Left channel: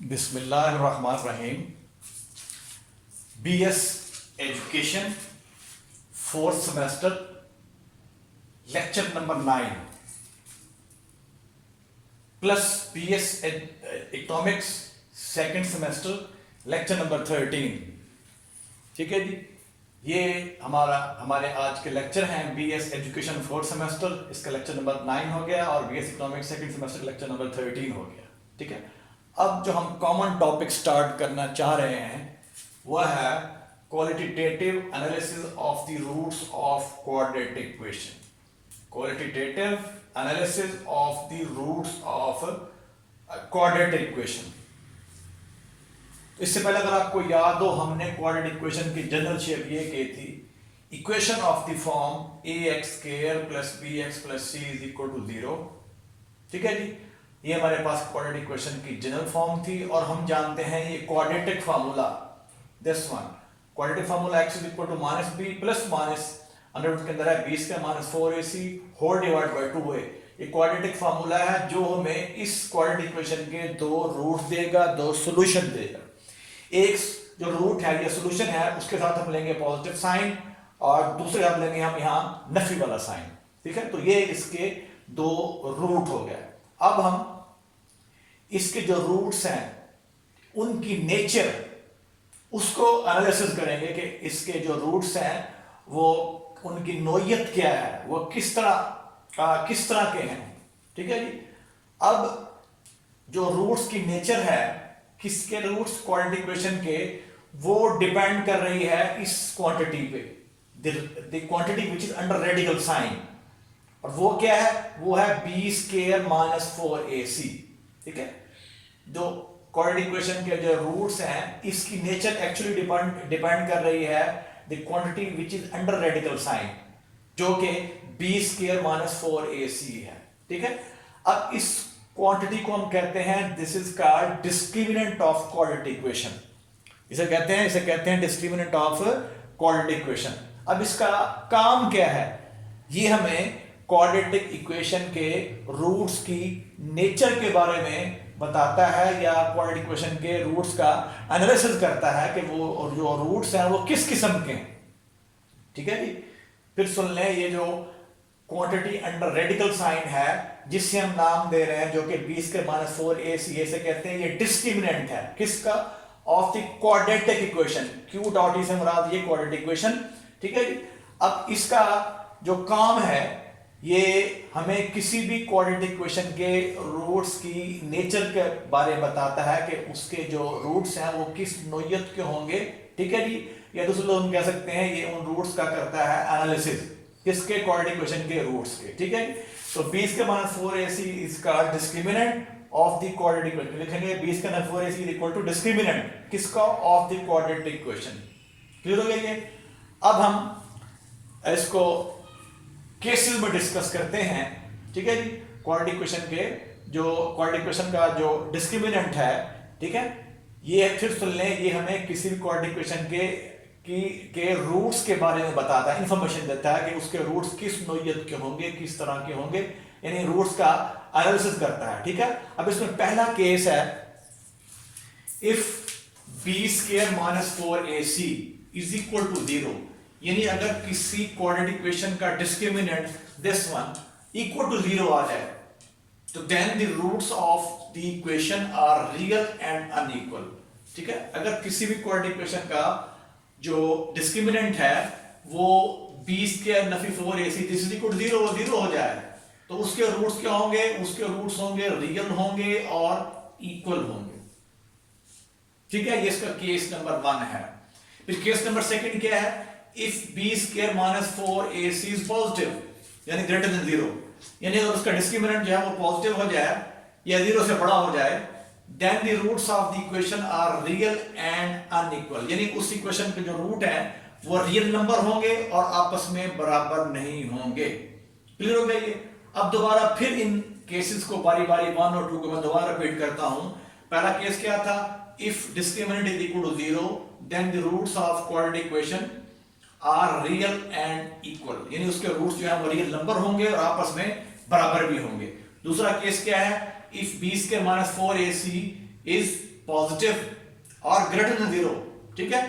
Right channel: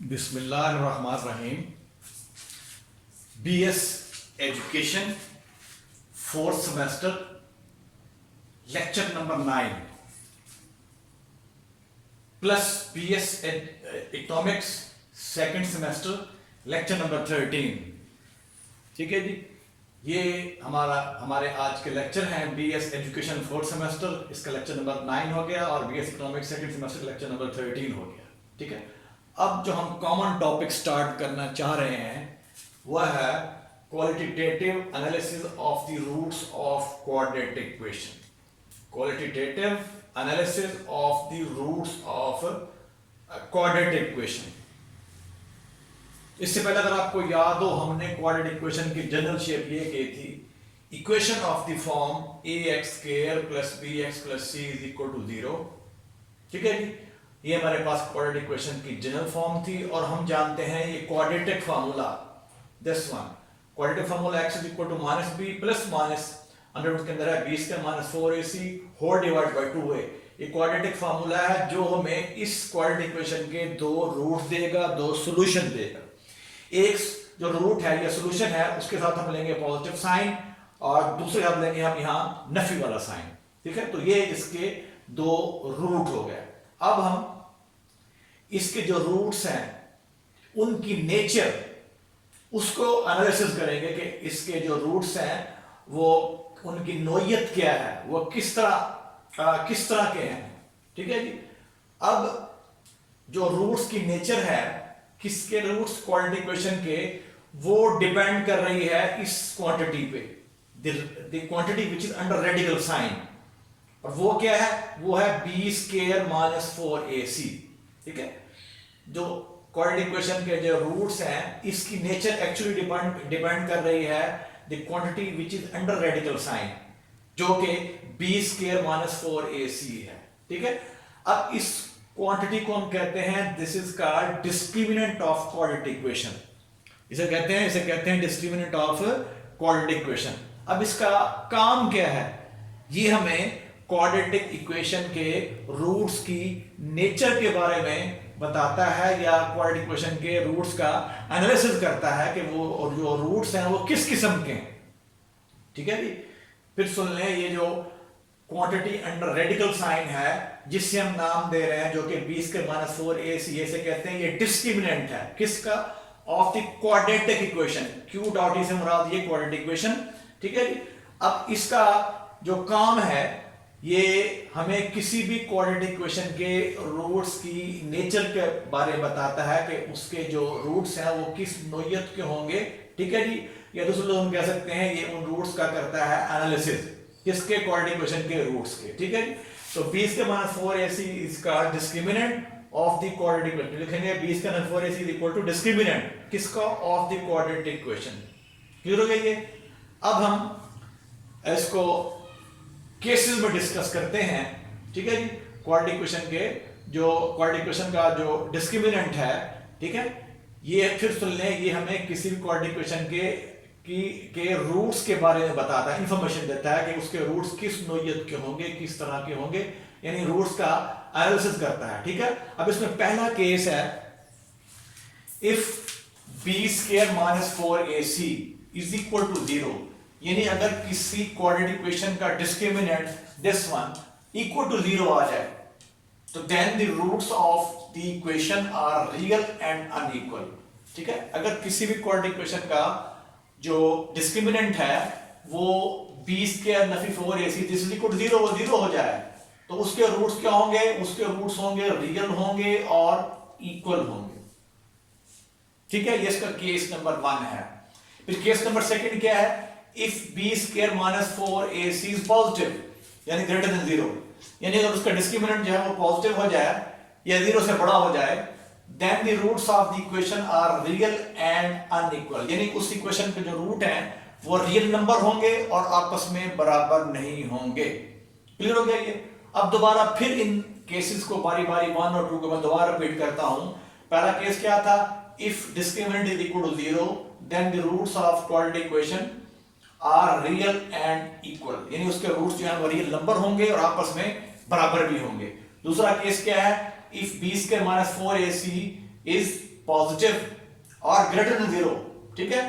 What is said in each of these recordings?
बिस्मिल्लाहिर्रहमानिर्रहीम। BS education 4th semester lecture number 9 plus BS economics 2nd semester lecture number 13। ठीक है जी, ये हमारे आज के लेक्चर हैं। BS एजुकेशन 4th सेमेस्टर, इसका लेक्चर नंबर 9 हो गया और BS economics 2nd semester lecture number 13 हो गया। ठीक है, अब जो हम कॉमन टॉपिक स्टार्ट करना चाह रहे हैं वह है qualitative analysis of the roots of quadratic equation. Qualitative analysis of the roots of quadratic equation. इससे पहले अगर आपको याद हो, हमने क्वाड्रेटिक इक्वेशन की जनरल शेप ये की थी, equation of the form ax² + bx + c = 0। ठीक है जी, ये हमारे पास क्वाड्रेटिक इक्वेशन की जनरल फॉर्म थी और हम जानते हैं ये quadratic formula, this one quadratic formula x = -b ± under root के अंदर है b² - 4ac whole divide by 2a। ये क्वाड्रेटिक फार्मूला है जो हमें इस क्वाड्रेटिक इक्वेशन के दो रूट देगा, दो सॉल्यूशन देगा। एक जो रूट है या सॉल्यूशन है उसके साथ हम लेंगे पॉजिटिव साइन और दूसरे साथ लेंगे हम यहाँ नफी वाला साइन। ठीक है, तो ये इसके दो रूट हो गए। अब हम इसके जो रूट्स हैं उनकी नेचर उसको एनालिसिस करेंगे कि इसके जो रूट्स हैं वो उनकी नोयत क्या है, वो किस तरह के हैं। ठीक है जी, अब जो रूट्स की नेचर है, किसके रूट्स क्वाड्रेटिक इक्वेशन के, वो डिपेंड कर रही है इस क्वांटिटी पे, the quantity which is under radical sign. और वो क्या है, वो है b² - 4ac। ठीक है, जो क्वाड्रेटिक इक्वेशन के जो रूट्स हैं इसकी नेचर एक्चुअली डिपेंड कर रही है the quantity which is under radical sign, जो कि b² - 4ac है। ठीक है, अब इस क्वांटिटी को हम कहते हैं, this is called discriminant of quadratic equation. इसे कहते हैं डिस्क्रिमिनेंट ऑफ क्वाड्रेटिक इक्वेशन। अब इसका काम क्या है, ये हमें क्वाड्रेटिक इक्वेशन के रूट्स की नेचर के बारे में बताता है या क्वाड्रेटिक इक्वेशन के रूट्स का एनालिसिस करता है कि वो जो रूट्स हैं वो किस किस्म के हैं। ठीक है जी, फिर सुन लें, ये जो क्वांटिटी अंडर रेडिकल साइन है जिससे हम नाम दे रहे हैं, जो कि b² - 4ac से कहते हैं, ये डिस्क्रिमिनेंट है किसका, of the quadratic equation. q.e से मुराद ये क्वाड्रेटिक इक्वेशन। ठीक है जी, अब इसका जो काम है ये हमें किसी भी क्वाड्रेटिक इक्वेशन के रूट्स की नेचर के बारे में बताता है कि उसके जो रूट्स हैं वो किस नोयत के होंगे। ठीक है जी, या दूसरे लोग हम कह सकते हैं ये उन रूट्स का करता है एनालिसिस, किसके, क्वाड्रेटिक इक्वेशन के रूट्स के। ठीक है, तो b² - 4ac is called discriminant of the quadratic equation. लिखेंगे b² - 4ac = डिस्क्रिमिनेंट किसका, of the quadratic equation. Clear हो गया ये। अब हम इसको केसेस में डिस्कस करते हैं। ठीक है जी, क्वाड्रेटिक इक्वेशन के जो क्वाड्रेटिक इक्वेशन का जो डिस्क्रिमिनेंट है, ठीक है, ये फिर सुन लें, ये हमें किसी भी क्वाड्रेटिक इक्वेशन के रूट्स के बारे में बताता है, इंफॉर्मेशन देता है कि उसके रूट्स किस नोयत के होंगे, किस तरह के होंगे, यानी रूट्स का एनालिसिस करता है। ठीक है, अब इसमें पहला केस है, इफ b² - 4ac = 0, यानी अगर किसी क्वाड्रेटिक इक्वेशन का discriminant this one equal to 0 आ जाए, तो then the roots of the equation are real and unequal. ठीक है, अगर किसी भी क्वाड्रेटिक इक्वेशन का जो डिस्क्रिमिनेंट है वो b² - 4ac this equal to 0 हो जाए, तो उसके रूट्स क्या होंगे, उसके रूट्स होंगे रियल होंगे और इक्वल होंगे। ठीक है, ये इसका केस नंबर 1 है। फिर केस नंबर 2 क्या है, if b² - 4ac is positive, यानी ग्रेटर देन 0, यानी अगर उसका डिस्क्रिमिनेंट जो है वो पॉजिटिव हो जाए या 0 से बड़ा हो जाए, then the roots of the equation are real and unequal, यानी उस इक्वेशन के जो रूट हैं वो रियल नंबर होंगे और आपस में बराबर नहीं होंगे। क्लियर हो गया ये। अब दोबारा फिर इन केसेस को बारी बारी 1 और 2 को मैं दोबारा रिपीट करता हूं। पहला केस क्या था, if discriminant is equal to 0, then the roots of quadratic equation are real and equal, यानी उसके रूट्स जो है वो रियल नंबर होंगे और आपस में बराबर भी होंगे। दूसरा केस क्या है, if b² - 4ac is positive और ग्रेटर देन 0, ठीक है।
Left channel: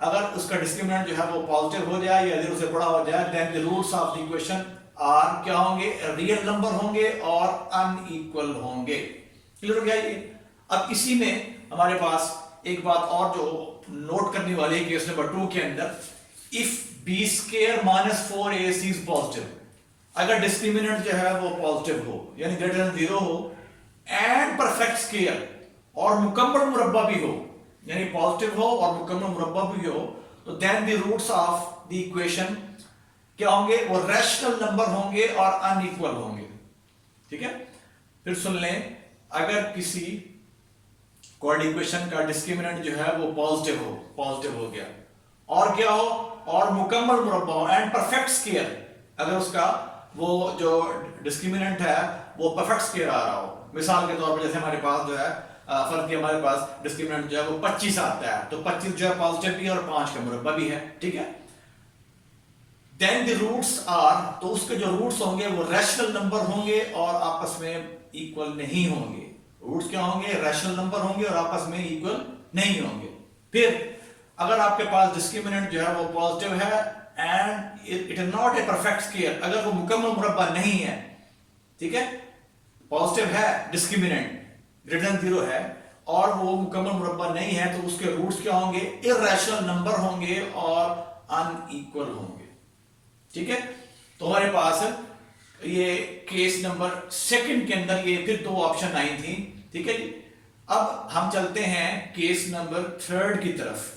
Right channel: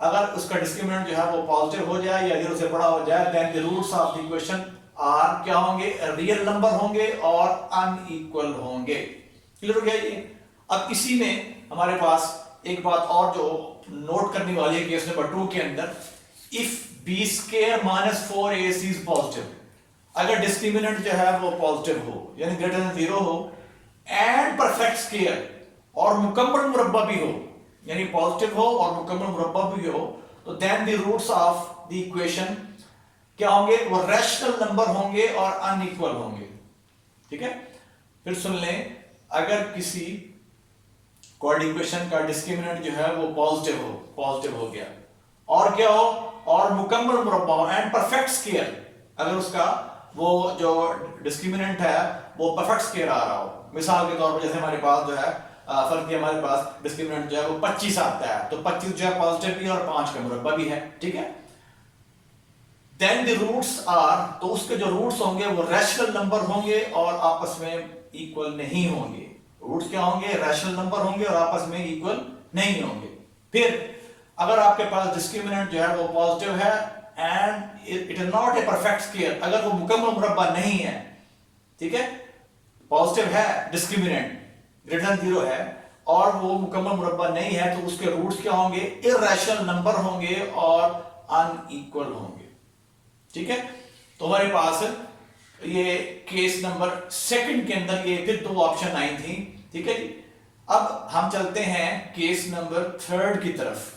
अगर उसका डिस्क्रिमिनेंट जो है वो पॉजिटिव हो जाए या 0 से बड़ा हो जाए, then the roots of the equation are क्या होंगे, रियल नंबर होंगे और अनइक्वल होंगे। क्लियर हो गया ये। अब इसी में हमारे पास एक बात और जो नोट करने वाली है केस नंबर 2 के अंदर, if b square minus 4ac is positive, अगर डिस्क्रिमिनेंट जो है वो पॉजिटिव हो यानी ग्रेटर देन 0 हो एंड परफेक्ट स्क्वायर और मुकम्मल मुरब्बा भी हो, यानी पॉजिटिव हो और मुकम्मल मुरब्बा भी हो, तो then the roots of the equation क्या होंगे, वो रैशनल नंबर होंगे और अनइक्वल होंगे, ठीक है। फिर सुन लें, अगर किसी कोऑर्डिनेट इक्वेशन का डिस्क्रिमिनेंट जो है वो पॉजिटिव हो गया और क्या हो, और मुकम्मल मुरब्बा हो एंड परफेक्ट स्क्वायर, अगर उसका वो जो डिस्क्रिमिनेंट है वो परफेक्ट स्क्वायर आ रहा हो, मिसाल के तौर पर जैसे हमारे पास जो है फर्क दिया, हमारे पास डिस्क्रिमिनेंट जो है वो 25 आता है, तो 25 जो है पॉजिटिव भी है और 5 का मुरब्बा भी है, ठीक है। देन द रूट्स आर, तो उसके जो रूट्स होंगे वो रैशनल नंबर होंगे और आपस में इक्वल नहीं होंगे। रूट्स क्या होंगे, रैशनल नंबर होंगे और आपस में इक्वल नहीं होंगे। फिर अगर आपके पास डिस्क्रिमिनेंट जो है वो पॉजिटिव है and it is not a perfect square, अगर वो मुकम्मल मुरब्बा नहीं है, ठीक है, पॉजिटिव है डिस्क्रिमिनेंट, ग्रेटर देन 0 है और वो मुकम्मल मुरब्बा नहीं है, तो उसके रूट्स क्या होंगे, इर्रेशनल नंबर होंगे और अनइक्वल होंगे, ठीक है। तो हमारे पास ये केस नंबर 2 के अंदर ये फिर 2 ऑप्शन आई थी, ठीक है जी। अब हम चलते हैं केस नंबर 3 की तरफ।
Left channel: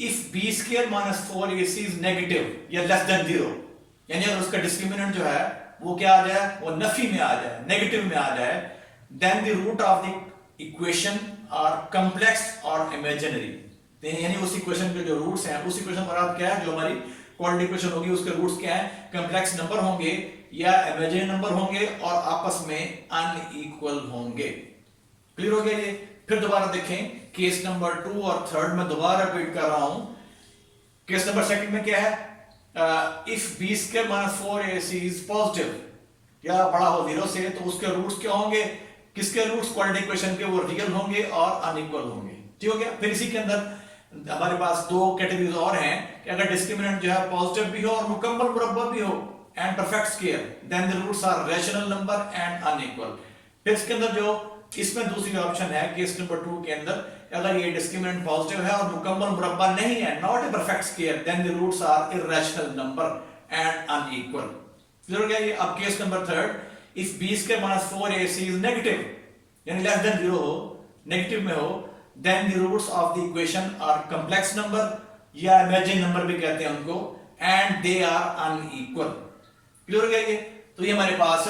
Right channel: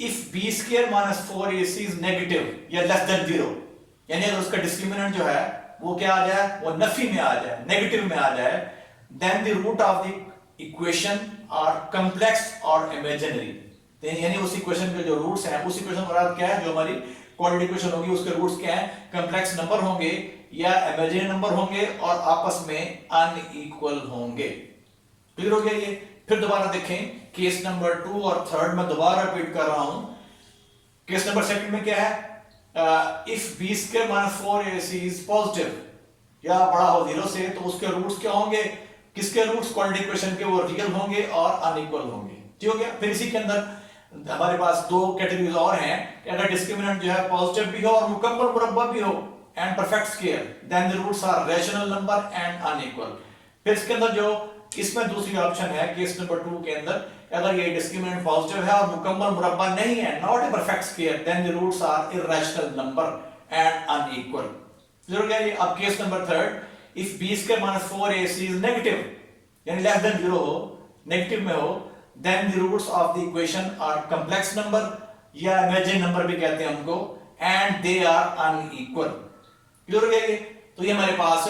If b square minus 4ac is negative या लेस देन 0, यानी अगर उसका डिस्क्रिमिनेंट जो है वो क्या आ जाए, वो नफी में आ जाए, नेगेटिव में आ जाए, then the root of the equation are complex और इमेजिनरी, यानी उस इक्वेशन के जो रूट्स हैं, उस इक्वेशन का अर्थ क्या है, जो हमारी कोऑर्डिनेट इक्वेशन होगी उसके रूट्स क्या हैं, कॉम्प्लेक्स नंबर होंगे या इमेजिनरी नंबर होंगे और आपस में अनइक्वल होंगे। क्लियर हो गया ये। फिर दोबारा देखें केस नंबर 2 और 3 में दोबारा रिपीट कर रहा हूं। केस नंबर 2 में क्या है, if b square minus 4ac is positive या बड़ा हो 0 से, तो उसके रूट्स क्या होंगे, किसके रूट्स, कोऑर्डिनेट इक्वेशन के, वो रियल होंगे और अनइक्वल होंगे, ठीक हो गया। फिर इसी के अंदर हमारे पास 2 कैटेगरीज और हैं कि अगर डिस्क्रिमिनेंट जो है पॉजिटिव भी हो और मुकम्मल मुरब्बा भी हो and perfect square, then the roots are rational number and unequal. फिर इसके अंदर जो इसमें दूसरी ऑप्शन है केस नंबर 2 के अंदर, अगर ये डिस्क्रिमिनेंट पॉजिटिव है और मुकम्मल मुरब्बा नहीं है, not a perfect square, then the roots are irrational number and unequal. Clear हो गया ये। अब case number 3, if b square minus 4ac is negative यानी लेस देन 0 हो, नेगेटिव में हो, then the roots of the equation are complex number या imaginary number भी कहते हैं उनको, and they are unequal. Clear हो गया ये। तो ये हमारे पास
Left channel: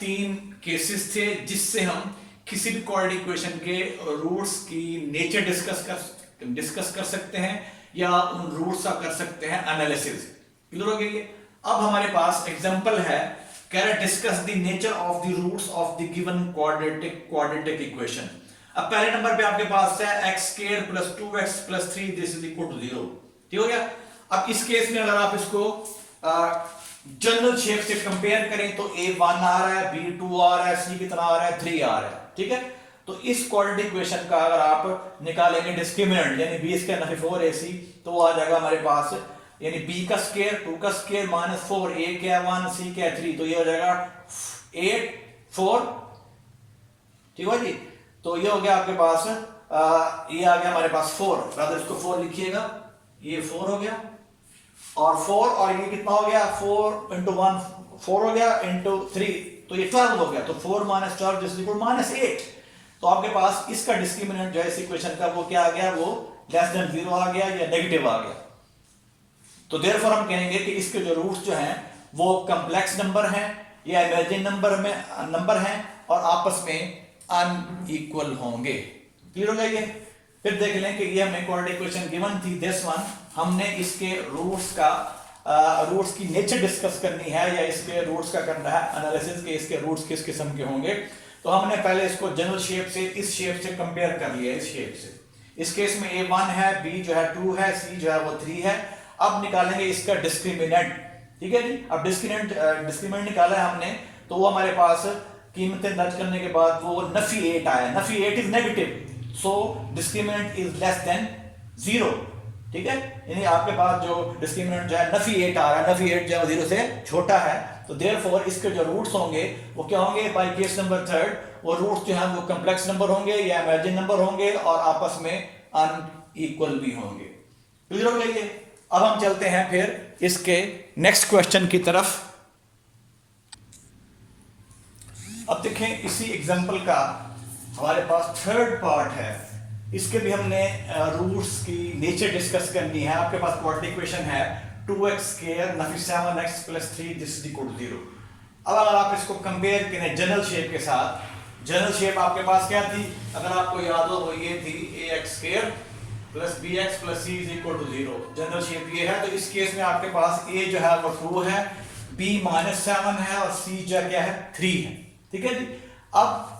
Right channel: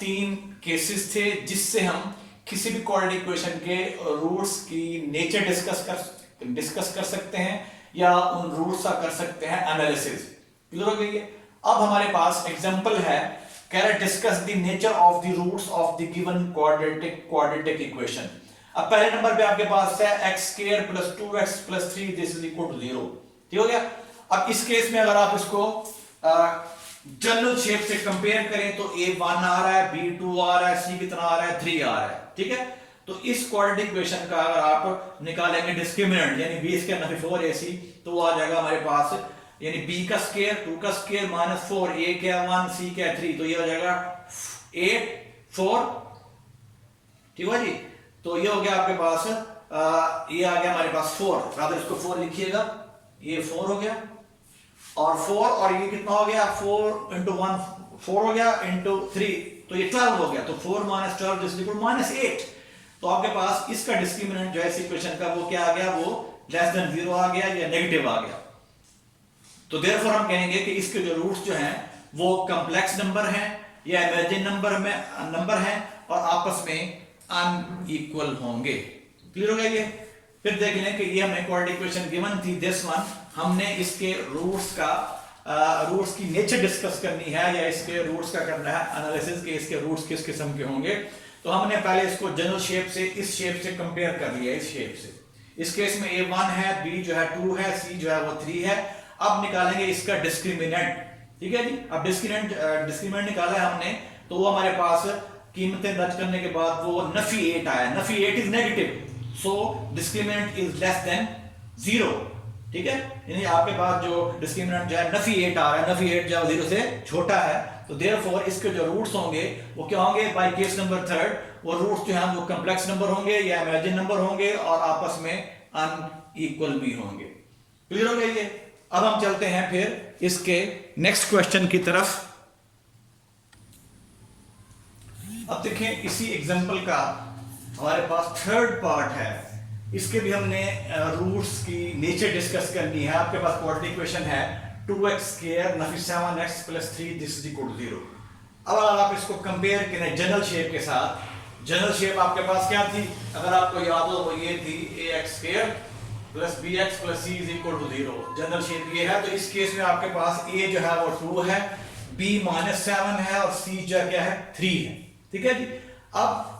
3 केसेस थे जिससे हम किसी भी कोऑर्डिनेट इक्वेशन के रूट्स की नेचर डिस्कस कर सकते हैं या उन रूट्स का कर सकते हैं एनालिसिस। क्लियर हो गया ये। अब हमारे पास एग्जांपल है, कह रहा discuss the nature of the roots of the given quadratic equation. अब पहले नंबर पे आपके पास है x square plus 2x plus 3 this is equal to 0, ठीक हो गया। अब इस केस में अगर आप इसको जनरल शेप से कंपेयर करें तो a1 आ रहा है, b2 आ रहा है, c कितना आ रहा है, 3 आ रहा है, ठीक है। तो इस क्वाड्रेटिक इक्वेशन का अगर आप निकालेंगे डिस्क्रिमिनेंट यानी b स्क्वायर माइनस 4ac, तो वो आ जाएगा हमारे पास यानी b का स्क्वायर 2 का स्क्वायर माइनस 4, a क्या 1, c क्या 3, तो ये हो जाएगा 8 4, ठीक है जी। तो ये हो गया आपके पास ये आ गया हमारे पास 4, रादर इसको 4 लिखिएगा, ये 4 हो गया और 4 और ये कितना हो गया, 4 into 1 4 हो गया into 3 तो ये 12 हो गया, तो 4 minus 12 is equal to -8। तो आपके पास इसका डिस्क्रिमिनेंट जो है इस इक्वेशन का वो क्या आ गया, वो लेस देन 0 आ गया या नेगेटिव आ गया। तो देयरफॉर हम कहेंगे कि इसके जो रूट्स जो हैं वो कॉम्प्लेक्स नंबर हैं या इमेजिनरी नंबर हैं और आपस में अनइक्वल होंगे। क्लियर हो गया ये। फिर देख लें कि ये हमें कोऑर्डिनेट इक्वेशन गिवन थी दिस वन, हमने इसके रूट्स का रूट्स की नेचर डिस्कस करनी है या इसके रूट्स का करना है एनालिसिस के इसके रूट्स किस किस्म के होंगे। तो हमने पहले इसको जनरल शेप से इस शेप से कंपेयर कर लिया, इस शेप से। इस केस में a1 है, b जो है 2 है, c जो है वो 3 है। अब निकालेंगे इसका डिस्क्रिमिनेंट, ठीक है जी। अब डिस्क्रिमिनेंट निकाला है हमने, तो वो हमारे पास कीमतें दर्ज करने के बाद वो नफी 8 आया, Nafi 8 is negative, so discriminant is less than 0, ठीक है, यानी आपके पास जो डिस्क्रिमिनेंट जो है नफी 8 आ रहा है, नफी 8 जो है 0 से छोटा है, तो देयरफॉर इसके जो रूट्स होंगे वो क्या होंगे, बाय केस नंबर थर्ड, वो रूट्स जो है वो कॉम्प्लेक्स नंबर होंगे या इमेजिन नंबर होंगे और आपस में अनइक्वल भी होंगे। क्लियर हो गया ये? अब हम चलते हैं फिर इसके नेक्स्ट क्वेश्चन की तरफ। अब देखें इसी एग्जांपल का हमारे पास थर्ड पार्ट है, इसके भी हमने रूट्स की नेचर डिस्कस करनी है। आपके पास क्वाड्रेटिक इक्वेशन है 2x स्क्वायर नफी 7x plus 3 this is equal to 0। अब अगर आप इसको कंपेयर करें जनरल शेप के साथ, जनरल शेप आपके पास क्या थी, अगर आपको याद हो वो ये थी ax square plus bx plus c is equal to 0। General shape ये है, तो इस केस में आपके पास a जो है वो 2 है, b -7 है और c जो क्या है 3 है, ठीक है जी। अब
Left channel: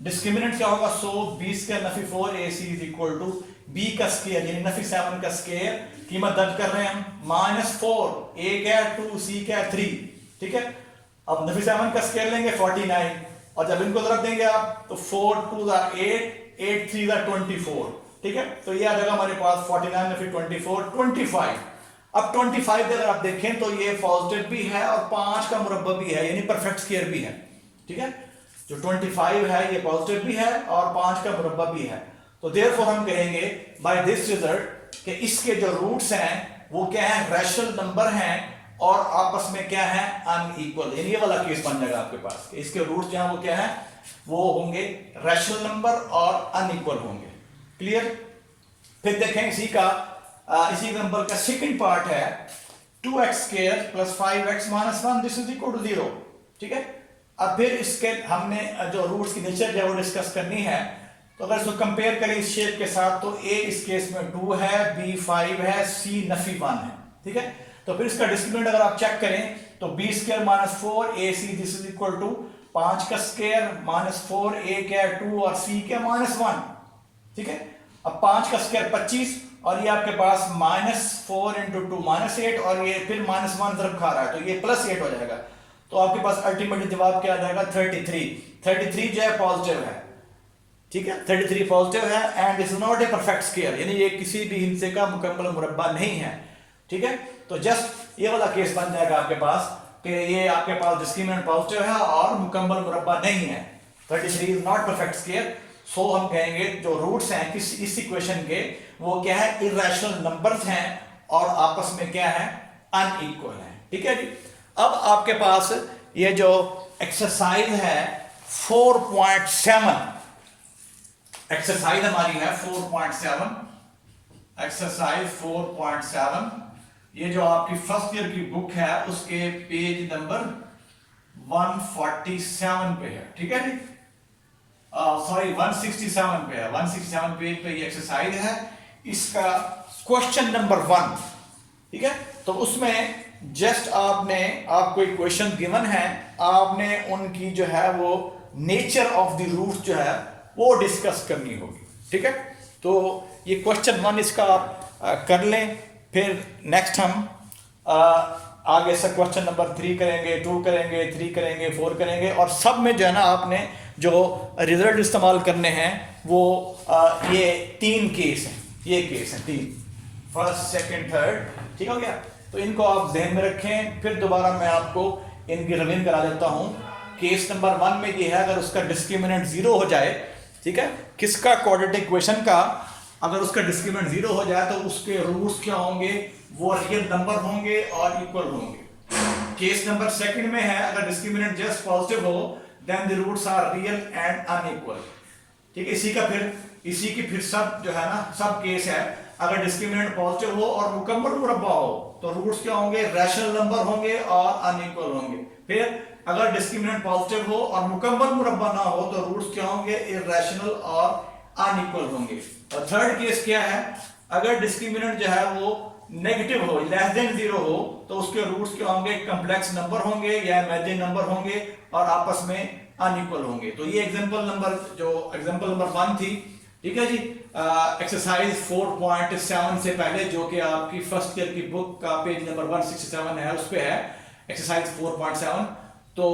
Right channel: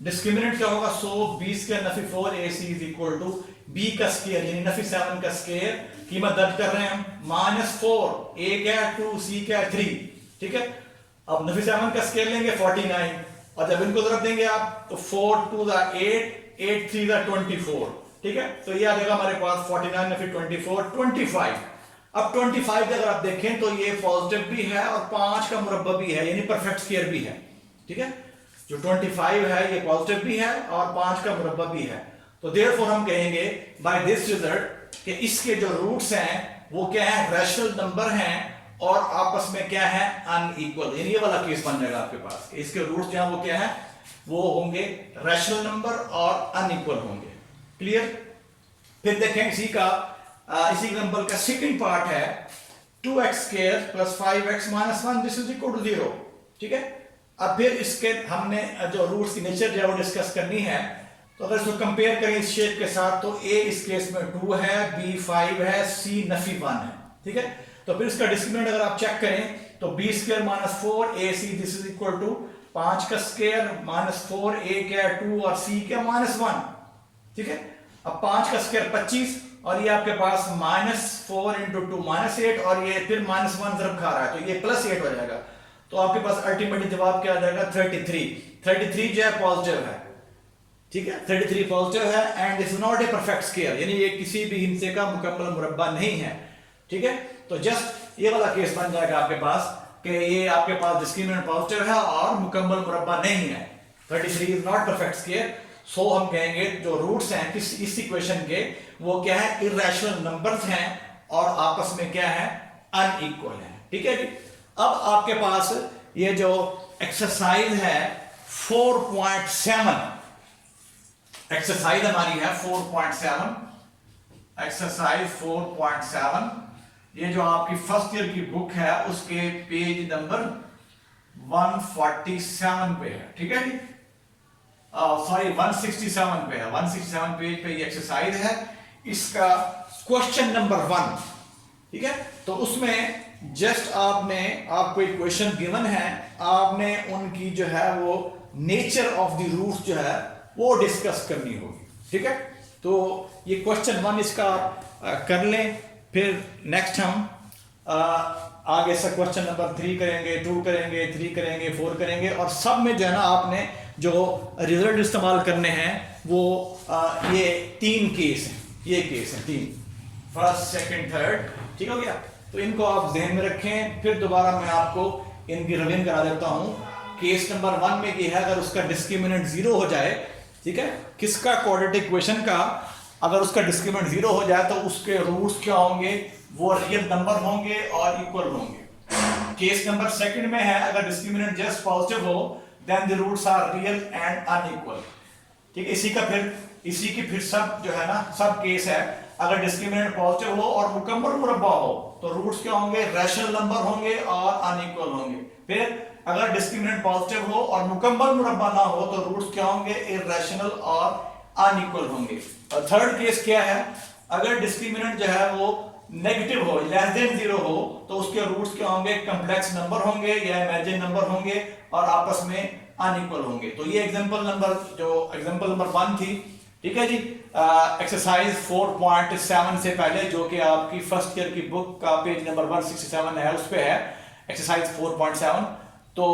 डिस्क्रिमिनेंट क्या होगा, सो b स्क्वायर नफी 4ac is equal to b का स्क्वायर यानी नफी 7 का स्क्वायर, कीमत दर्ज कर रहे हैं हम -4, a क्या 2, c क्या 3, ठीक है। अब नफी 7 का स्क्वायर लेंगे 49 और जब इनको ज़रूरत देंगे आप तो 4 2 8, 8 3 24, ठीक है। तो ये आ जाएगा हमारे पास 49 नफी 24 25। अब 25 अगर आप देखें तो ये पॉजिटिव भी है और 5 का मुरब्बा भी है यानी परफेक्ट स्क्वायर भी है, ठीक है। जो 25 है ये पॉजिटिव भी है और 5 का मुरब्बा भी है, तो देयरफॉर हम कहेंगे बाय दिस रिजल्ट कि इसके जो रूट्स हैं वो क्या है, रैशनल नंबर हैं और आपस में क्या है, अनइक्वल, यानी ये वाला केस बन जाएगा आपके पास। इसके रूट्स जो हैं वो क्या है, वो होंगे रैशनल नंबर और अनइक्वल होंगे। क्लियर? फिर देखें इसी एग्जांपल का सेकंड पार्ट है 2x square plus 5x minus 1 this is equal to 0, ठीक है। अब फिर इसके हमने जो रूट्स की नेचर जो है वो डिस्कस करनी है, तो अगर इसको कंपेयर करें इस शेप के साथ तो a इस केस में 2 है, b 5 है, c नफी 1 है, ठीक है। तो फिर इसका डिस्क्रिमिनेंट अगर आप चेक करें तो b square minus 4 ac this is equal to 5 का स्क्वायर माइनस 4 a क्या 2 और c क्या -1, ठीक है। अब 5 का स्क्वायर 25 और ये आपके पास -4 × 2 -8 और ये फिर -1 ज़रब खा रहा है तो ये +8 हो जाएगा, तो आपके पास अल्टीमेटली जवाब क्या आ जाएगा 33 जो है पॉजिटिव है, ठीक है। 33 पॉजिटिव है and this is not a perfect square, यानी ये किसी भी हिस्से का मुकम्मल मुरब्बा नहीं है, ठीक है। तो जस्ट ये वाला केस बन जाएगा आपके पास कि ये आपके पास डिस्क्रिमिनेंट पॉजिटिव है और मुकम्मल मुरब्बा नहीं है, 33 इज नॉट परफेक्ट स्क्वायर। सो हम कहेंगे जो रूट्स हैं इस इक्वेशन के वो क्या है, इर्रेशनल नंबर्स हैं और आपस में क्या है, अनइक्वल है, ठीक है जी। अब आपके पास ये जो एक्सरसाइज है 4.7, एक्सरसाइज हमारी है 4.7, एक्सरसाइज 4.7, ये जो आपकी फर्स्ट ईयर की बुक है उसके पेज नंबर 147 पे है, ठीक है जी, सॉरी 167 पे है, 167 पेज पे ये एक्सरसाइज है, इसका क्वेश्चन नंबर 1, ठीक है। तो उसमें जस्ट आपको एक क्वेश्चन गिवन है, आपने उनकी जो है वो नेचर ऑफ द रूट्स जो है वो डिस्कस करनी होगी, ठीक है। तो ये क्वेश्चन 1 इसका आप कर लें, फिर नेक्स्ट हम आगे से क्वेश्चन नंबर 3 करेंगे, 2 करेंगे, 3 करेंगे, 4 करेंगे और सब में जो है ना आपने जो रिजल्ट इस्तेमाल करने हैं वो ये 3 केस हैं, ये केस है 3, फर्स्ट सेकंड थर्ड, ठीक हो गया। तो इनको आप ध्यान में रखें, फिर दोबारा मैं आपको इनकी रिवीजन करा देता हूं। केस नंबर 1 में ये है अगर उसका डिस्क्रिमिनेंट 0 हो जाए, ठीक है, किसका, क्वाड्रेटिक इक्वेशन का, अगर उसका डिस्क्रिमिनेंट 0 हो जाए तो उसके रूट्स क्या होंगे, वो रियल नंबर होंगे और इक्वल होंगे। केस नंबर 2 में है अगर डिस्क्रिमिनेंट जस्ट पॉजिटिव हो then the roots are real and unequal, ठीक है। इसी की फिर सब जो है ना सब केस है, अगर डिस्क्रिमिनेंट पॉजिटिव हो और मुकम्मल मुरब्बा हो तो रूट्स क्या होंगे, रैशनल नंबर होंगे और अनइक्वल होंगे। फिर अगर डिस्क्रिमिनेंट पॉजिटिव हो और मुकम्मल मुरब्बा ना हो तो रूट्स क्या होंगे, इर्रेशनल और अनइक्वल होंगे। और थर्ड केस क्या है, अगर डिस्क्रिमिनेंट जो है वो नेगेटिव हो, लेस देन 0 हो तो उसके रूट्स क्या होंगे, कॉम्प्लेक्स नंबर होंगे या इमेजिन नंबर होंगे और आपस में अनइक्वल होंगे। तो ये एग्जांपल नंबर 1 थी, ठीक है जी। एक्सरसाइज 4.7 से पहले जो कि आपकी फर्स्ट ईयर की बुक का पेज नंबर 167 है उस पे है एक्सरसाइज 4.7। तो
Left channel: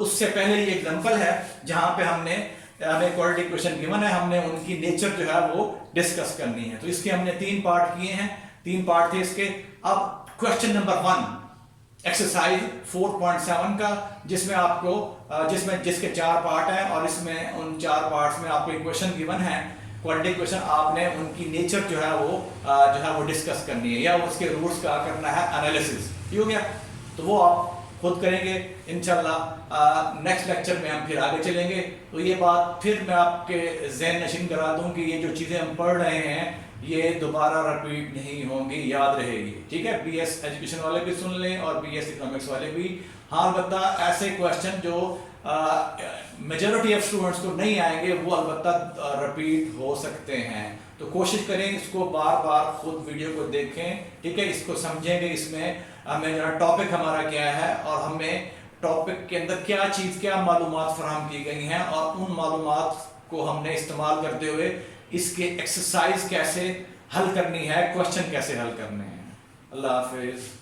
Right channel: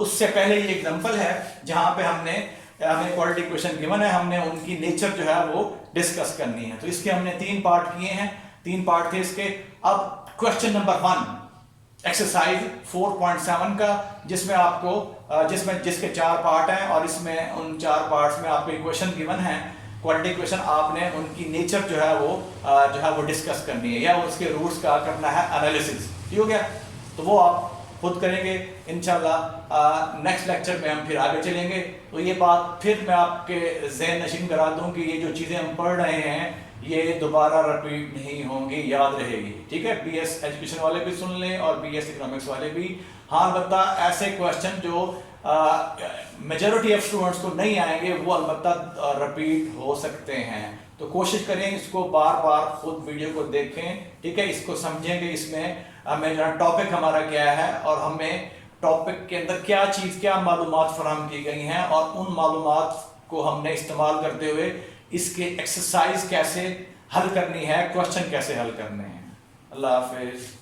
उससे पहले ये एग्जांपल है जहां पे हमने हमें क्वाड्रेटिक इक्वेशन गिवन है, हमने उनकी नेचर जो है वो डिस्कस करनी है। तो इसके हमने 3 पार्ट किए हैं, 3 पार्ट थे इसके। अब क्वेश्चन नंबर 1 एक्सरसाइज 4.7 का, जिसमें आपको जिसके 4 पार्ट हैं और इसमें उन 4 पार्ट्स में आपको इक्वेशन गिवन है क्वाड्रेटिक इक्वेशन, आपने उनकी नेचर जो है वो डिस्कस करनी है या उसके रूट्स का करना है एनालिसिस। ये हो गया, तो वो आप खुद करेंगे इंशाल्लाह। नेक्स्ट लेक्चर में हम फिर आगे चलेंगे। तो ये बात फिर मैं आपके ज़हन नशीन करा दूं कि ये जो चीज़ें हम पढ़ रहे हैं ये दोबारा रिपीट नहीं होंगी, याद रहेगी, ठीक है। बीएस एजुकेशन वाले भी सुन लें और बीएस इकोनॉमिक्स वाले भी। हाँ, अलबत्ता ऐसे क्वेश्चन जो मेजॉरिटी ऑफ स्टूडेंट्स को नहीं आएंगे वो अलबत्ता रिपीट हो सकते हैं। तो कोशिश करें इसको बार बार खुद वीडियो को देखें, ठीक है, इसको समझेंगे। इसमें हमें जो टॉपिक हमारा क्या है और हमें टॉपिक के अंदर क्या चीज़, क्या मालूमात फराहम की गई हैं और उन मालूमात को हमने इस्तेमाल करते हुए इसके एक्सरसाइज कैसे हल करनी है, क्वेश्चन कैसे हल करने हैं। अल्लाह हाफिज़।